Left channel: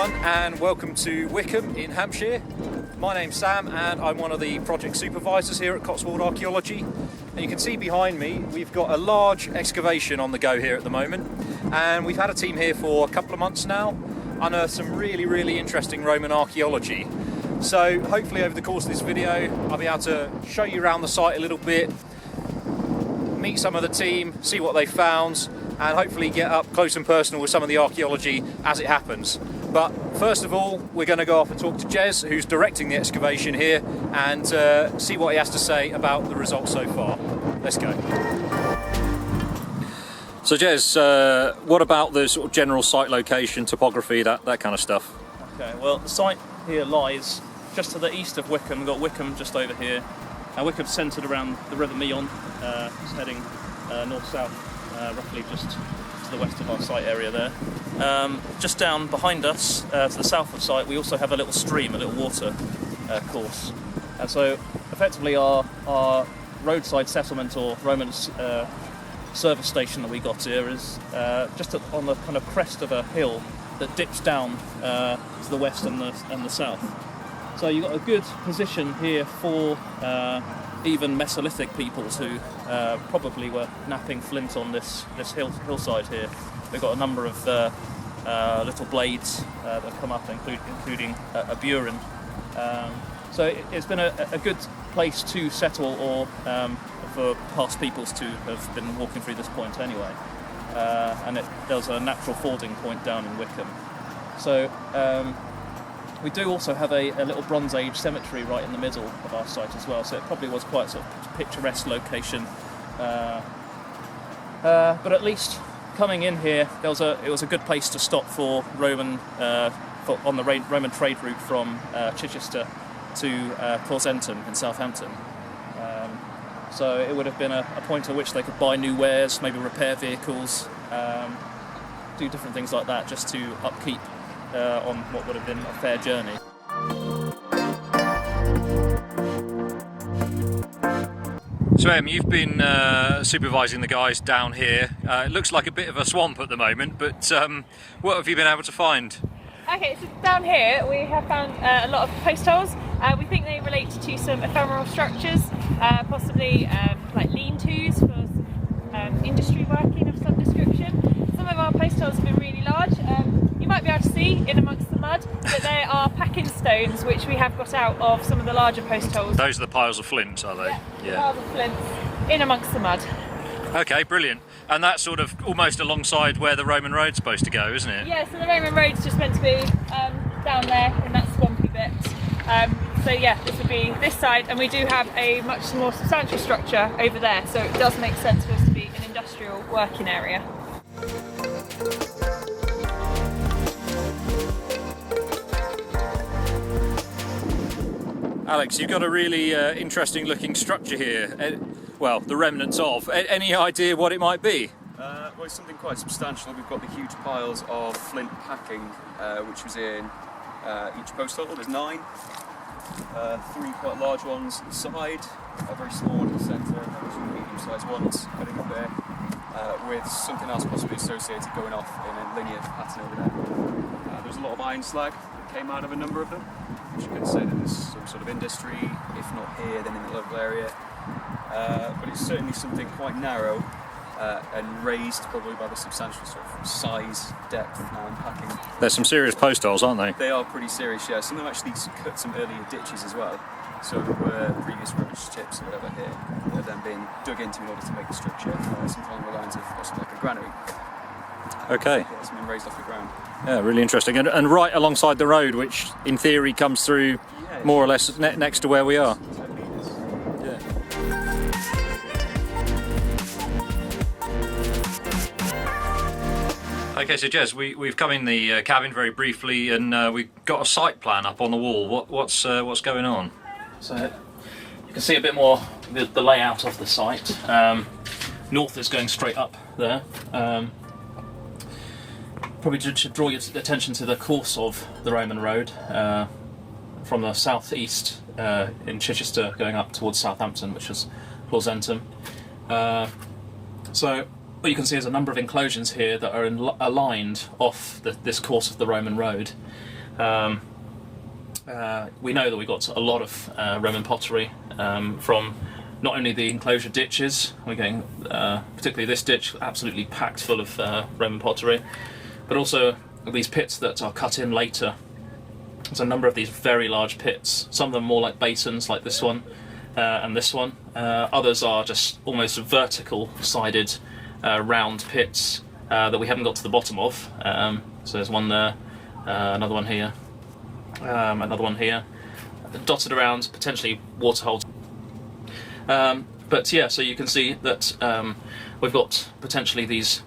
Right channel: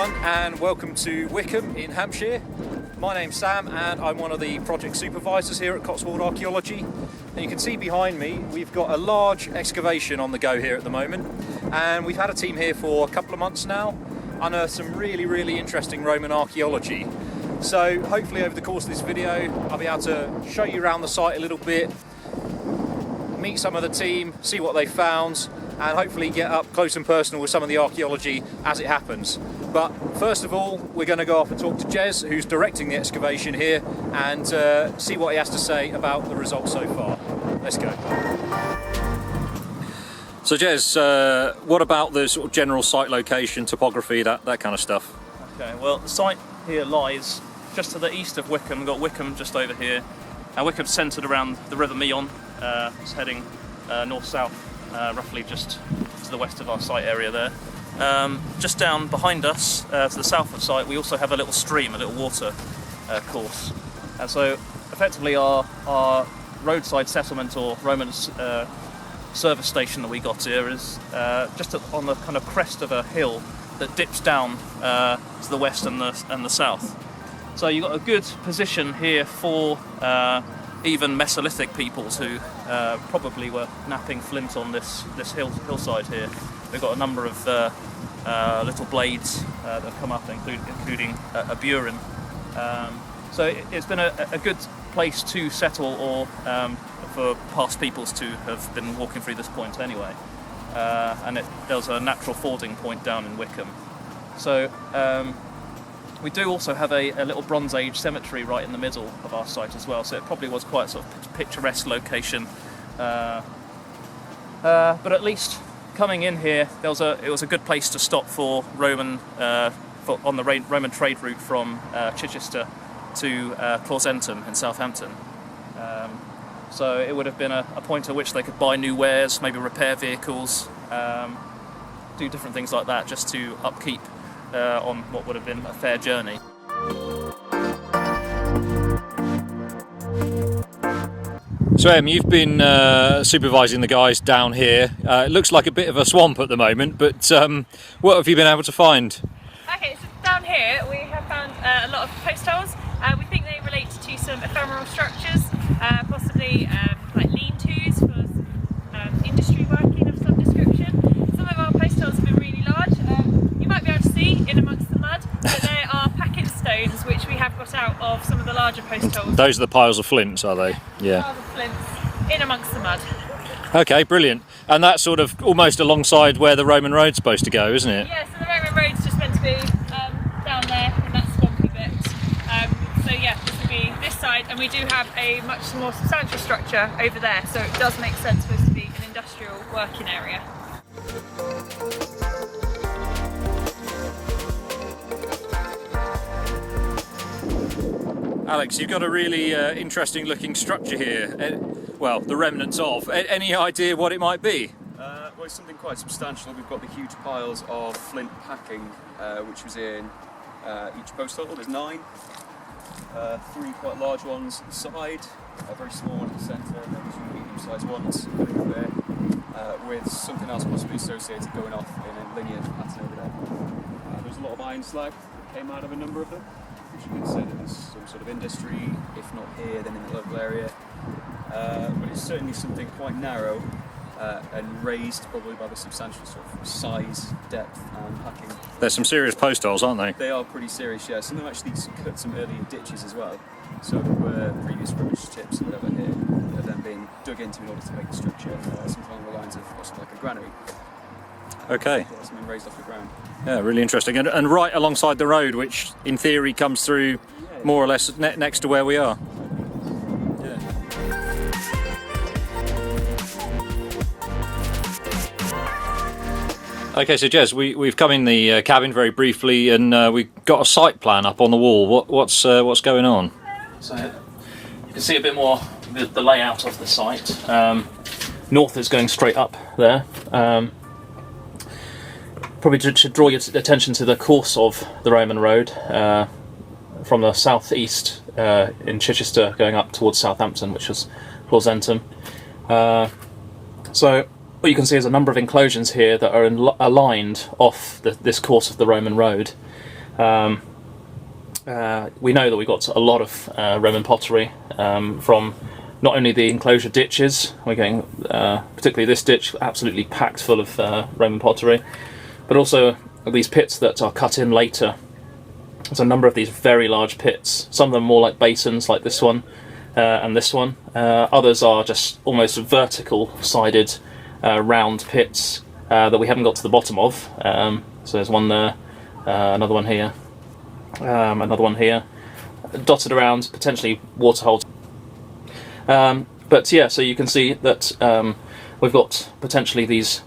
everyone, and welcome to Wickham in Hampshire. My name's Sam and I'm one of the project supervisors here at Cotswold Archaeology. And you can see behind me we've got a large excavation on the go here at the moment, and we've had a team here for a couple of months now, unearthed some really interesting Roman archaeology. So hopefully over the course of this video I'll be able to show you around the site a little bit, meet some of the team, see what they found, and hopefully get up close and personal with some of the archaeology as it happens. But first of all, we're going to go off and talk to Jez, who's directing the excavation here, and see what he has to say about the results so far. Let's go. So Jez, what about the sort of general site location, topography, that kind of stuff? Okay, well the site here lies just to the east of Wickham. We've got Wickham just over here. Wickham's centred around the River Meon. It's heading north-south. Roughly just to the west of our site area there. Just down behind us, to the south of the site, we also have a little stream, a little water course. And so effectively our roadside settlement or Roman service station that we got here is just on the kind of crest of a hill that dips down to the west and the south. So you've got a good position here for even Mesolithic peoples who probably were napping flint on this hillside here. We've got a number of little blades that have come up, including a burin. So it's been a good place to settle, or for past peoples to have been walking through this point anyway. And there's a natural fording point down in Wickham. So we do also have a little Bronze Age cemetery right in the middle of our site as well, so it probably was quite a sort of picturesque location. But at least coming in here, it was a good place to stop for Roman on the Roman trade route from Chichester to Clausentum in Southampton. So it would have been a point at which they could buy new wares, maybe repair vehicles, do different things like that, just to upkeep on what would have been a fair journey. So Em, you've been supervising the guys down here. It looks like a bit of a swamp at the moment, but what have you been able to find? Okay, so down here we have found a lot of post holes. We think they relate to some ephemeral structures, possibly like lean-tos for industry working of some description. Some of our post holes have been really large. You might be able to see in amongst the mud, but they are packing stones which we have got out of some of the larger post holes. Those are the piles of flints, are they? Yeah. Piles of flints in amongst the mud. Okay, brilliant. And that's sort of almost alongside where the Roman road's supposed to go, isn't it? Yeah, so the Roman road's just meant to be down there in that swampy bit. So yeah, this would be this side, and we do have a much more substantial structure over there, so it does make sense for us to be an industrial working area. Alex, you've got a really interesting looking structure here. Well, the remnants of. Any idea what it might be? Well, it's something quite substantial. We've got the huge piles of flint packing, which was in each post hole. There's 9. 3 quite large ones at the side, a very small one in the centre, and then 2 medium-sized ones going up there, with something else possibly associated going off in a linear pattern over there. There's a lot of iron slag that came out of a number of them, which you could say that there's some sort of industry, if not here, then in the local area. But it's certainly something quite narrow and raised probably by the substantial sort of size, depth and packing. There's some serious post holes, aren't they? They are pretty serious, yeah. Some of them actually cut some earlier ditches as well. So there were previous rubbish chips or whatever here that have then been dug into in order to make the structure, something along the lines of possibly like a granary. Okay. Yeah, something raised off the ground. Yeah, really interesting. And right alongside the road, which in theory comes through more or less next to where we are. Yeah. Okay, so Jez, we've come in the cabin very briefly, and we've got a site plan up on the wall. What's going on? So you can see a bit more the layout of the site. North is going straight up there. Probably should draw your attention to the course of the Roman road from the southeast in Chichester going up towards Southampton, which is Clausentum. So what you can see is a number of enclosures here that are aligned off this course of the Roman road. We know that we got a lot of Roman pottery from not only the enclosure ditches, we're getting particularly this ditch absolutely packed full of Roman pottery, but also these pits that are cut in later. There's a number of these very large pits, some of them more like basins like this one and this one. Others are just almost vertical sided round pits that we haven't got to the bottom of. So there's one there, another one here, another one here, dotted around, potentially waterholes. But yeah, so you can see that we've got potentially these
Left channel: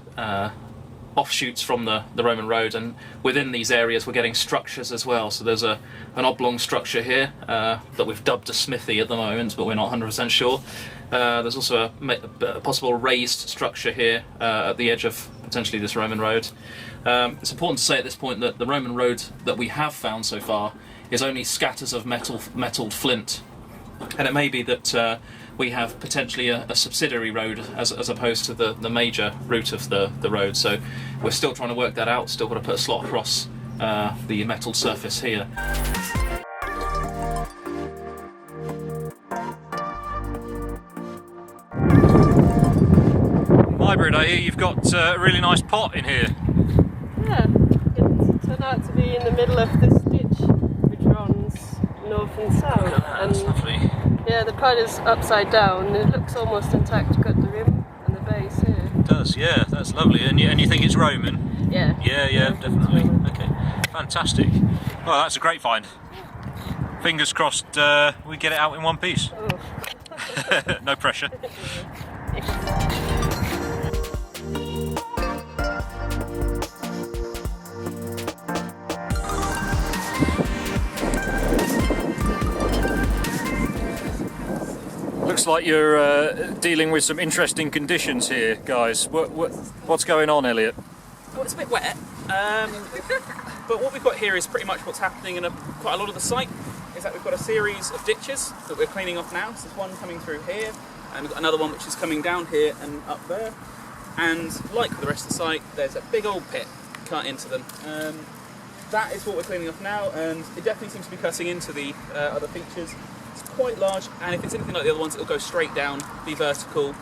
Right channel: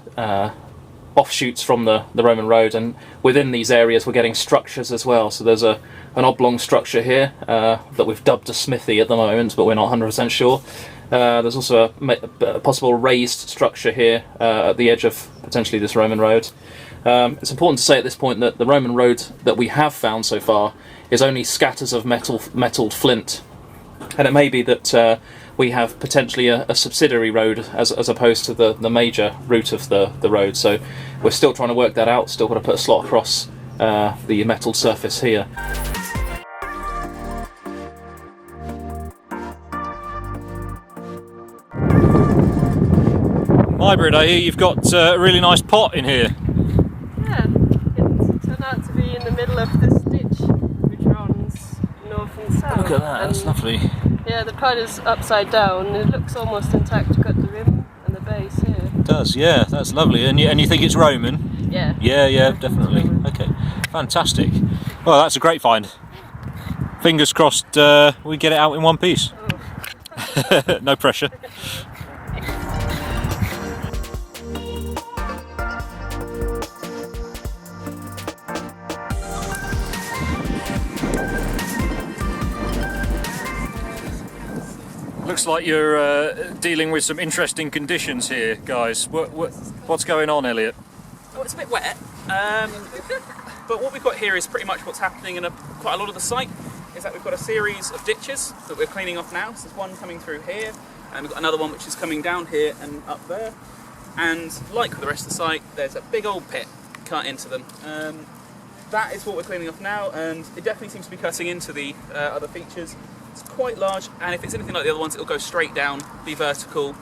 offshoots from the Roman road, and within these areas we're getting structures as well. So there's an oblong structure here that we've dubbed a smithy at the moment, but we're not 100% sure. There's also a possible raised structure here at the edge of potentially this Roman road. It's important to say at this point that the Roman road that we have found so far is only scatters of metalled flint, and it may be that we have potentially a subsidiary road as opposed to the major route of the road. So we're still trying to work that out, still got to put a slot across the metal surface here. Hybrid, I hear you've got a really nice pot in here. Yeah, it turned out to be in the middle of this ditch which runs north and south. Look at that, that's lovely. Yeah, the pot is upside down. It looks almost intact. You've got the rim and the base here. It does, yeah, that's lovely. And you think it's Roman? Yeah. Yeah, definitely. Okay, fantastic. Well, that's a great find. Fingers crossed we get it out in one piece. Oh. No pressure. Looks like you're dealing with some interesting conditions here, guys. What's going on, Elliot? Well, it's a bit wet, but what we've got here is pretty much what's happening in quite a lot of the site, is that we've got a series of ditches that we're cleaning off now. So there's one coming through here, and we've got another one which is coming down here and up there. And like with the rest of the site, there's a big old pit cut into them. That is what we're cleaning off now, and it definitely seems to be cutting into the other features. It's quite large, and if it's anything like the other ones, it'll go straight down, be vertical.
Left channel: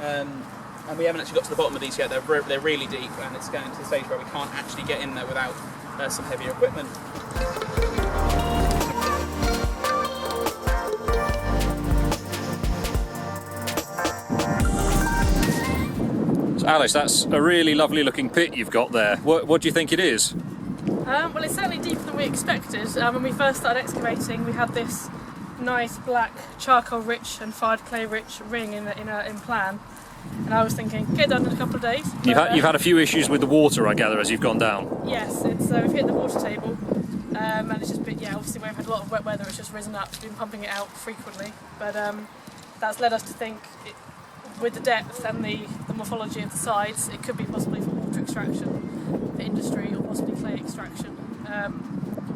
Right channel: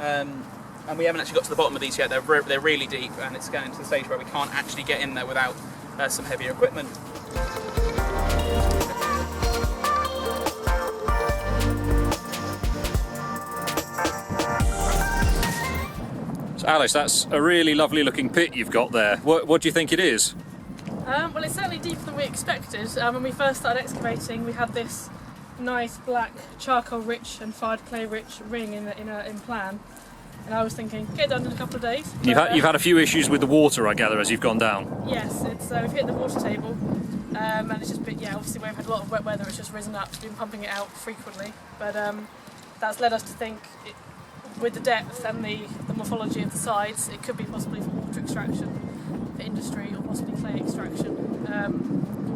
And we haven't actually got to the bottom of these yet. They're really deep, and it's getting to the stage where we can't actually get in there without some heavier equipment. So Alice, that's a really lovely looking pit you've got there. What do you think it is? Well, it's certainly deeper than we expected. When we first started excavating, we had this nice black charcoal-rich and fired clay-rich ring in plan, and I was thinking, get it done in a couple of days. You've had a few issues with the water, I gather, as you've gone down. Yes, it's we've hit the water table, and it's just been, obviously we've had a lot of wet weather. It's just risen up. We've been pumping it out frequently, but that's led us to think, with the depth and the morphology of the sides, it could be possibly for water extraction, for industry, or possibly clay extraction.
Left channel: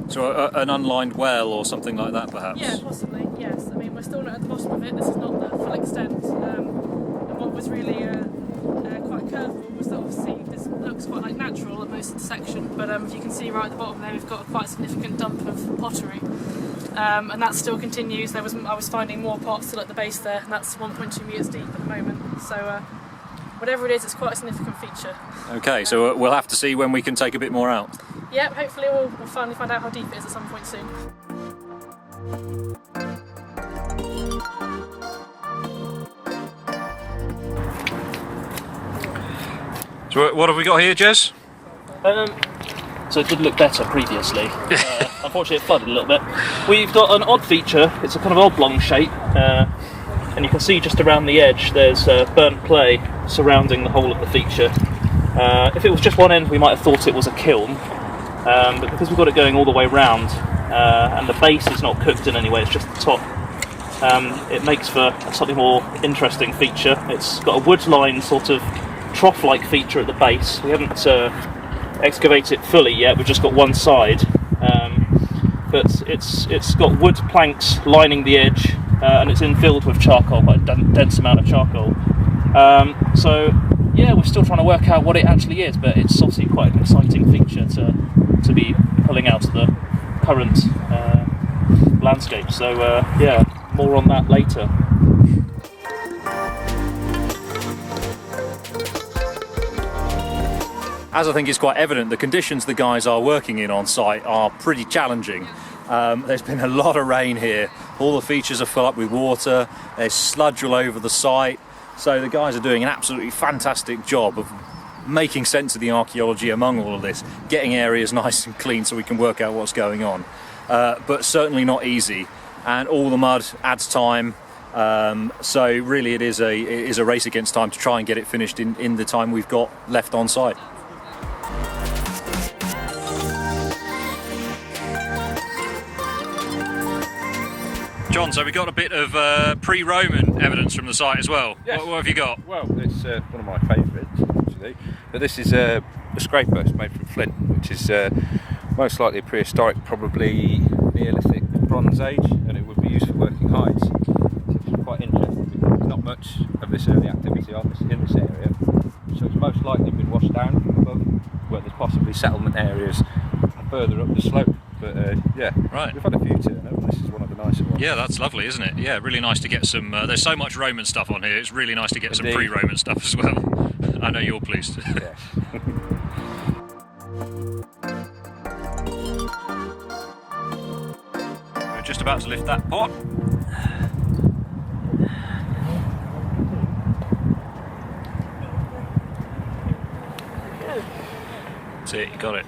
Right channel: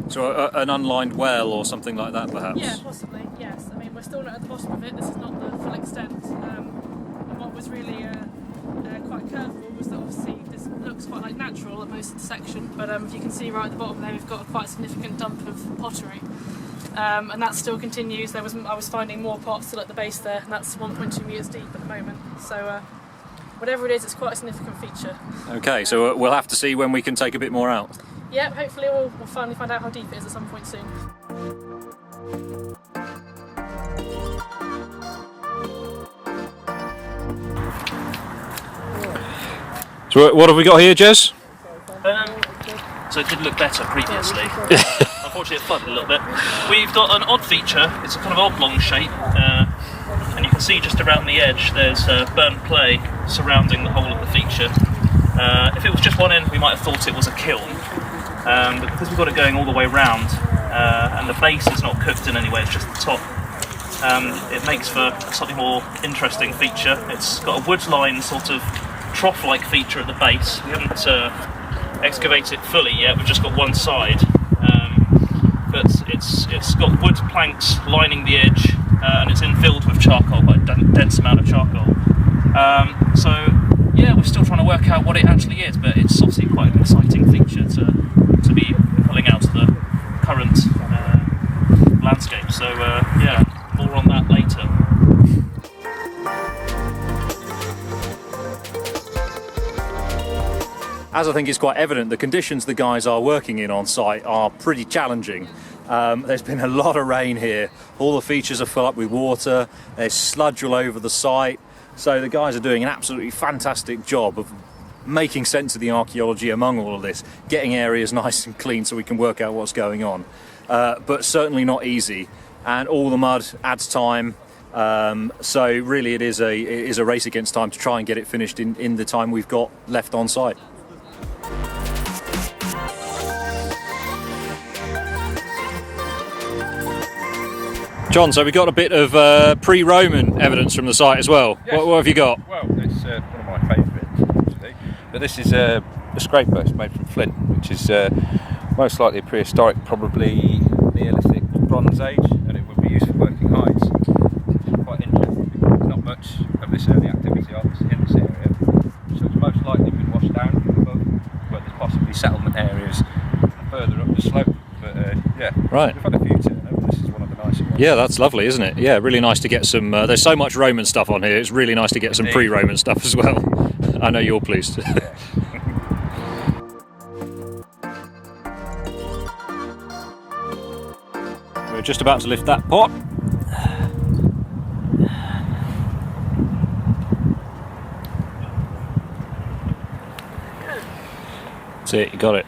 So an unlined well or something like that, perhaps? Yeah, possibly, yes. I mean, we're still not at the bottom of it. This is not the full extent. And what was really quite curveball was that obviously this looks quite like natural at most of the section, but if you can see right at the bottom there, we've got a quite significant dump of pottery. And that still continues. I was finding more pots still at the base there, and that's 1.2 metres deep at the moment. So whatever it is, it's quite a significant feature. Okay, so we'll have to see when we can take a bit more out. Yep, hopefully we'll finally find out how deep it is at some point soon. So what have we got here, Jez? So it did look better previously. Unfortunately it flooded a little bit. We've got an odd feature. It's a kind of oblong shape, and you can see just around the edge there's burnt clay surrounding the whole of the feature. If it was just one end, we might have thought it was a kiln, but because we've got it going all the way round, and the base is not cooked in any way, it's just the top, it makes for a slightly more interesting feature. It's got a wood-lined sort of trough-like feature at the base. We haven't excavated it fully yet, we've just got one side, but it's got wood planks lining the edge, and it's infilled with charcoal, quite a dense amount of charcoal. So yeah, we're still trying to work out what it actually is, but it's obviously quite an exciting feature to be pulling out of current landscape. So yeah, more on that later. As I think is quite evident, the conditions the guys are working in on site are pretty challenging. There's been a lot of rain here. All the features are full up with water. There's sludge all over the site. So the guys are doing an absolutely fantastic job of making sense of the archaeology among all of this, getting areas nice and clean so we can work out what's going on. But certainly not easy, and all the mud adds time. So really it is a race against time to try and get it finished in the time we've got left on site. John, so we got a bit of pre-Roman evidence from the site as well. Yes. What have you got? Well, it's one of my favourites, actually. But this is a scraper. It's made from flint, which is most likely prehistoric, probably Neolithic Bronze Age, and it would be used for working hides. Which is quite interesting because there's not much of this early activity in this area. So it's most likely been washed down above, where there's possibly settlement areas further up the slope. But yeah, right. We've had a few turn up. This is one of the nicer ones. Yeah, that's lovely, isn't it? Yeah, really nice to get some. There's so much Roman stuff on here. It's really nice to get some pre-Roman stuff as well. I know you're pleased. Yes. We're just about to lift that pot. That's it. You got it.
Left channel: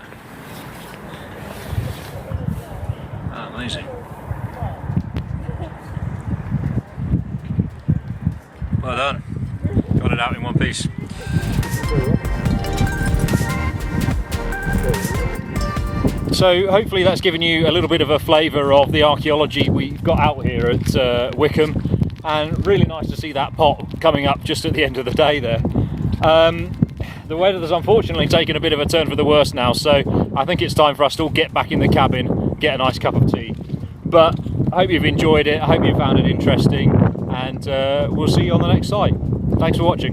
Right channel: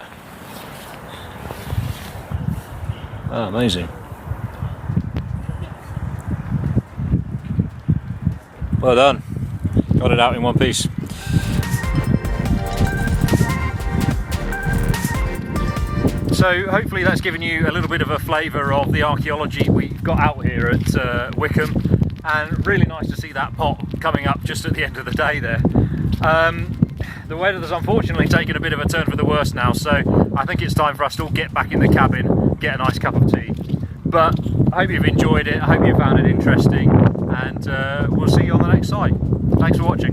Oh, amazing. Well done. Got it out in one piece. So hopefully that's given you a little bit of a flavour of the archaeology we've got out here at Wickham, and really nice to see that pot coming up just at the end of the day there. The weather has unfortunately taken a bit of a turn for the worse now, so I think it's time for us to all get back in the cabin, get a nice cup of tea. But I hope you've enjoyed it, I hope you found it interesting, and we'll see you on the next site. Thanks for watching.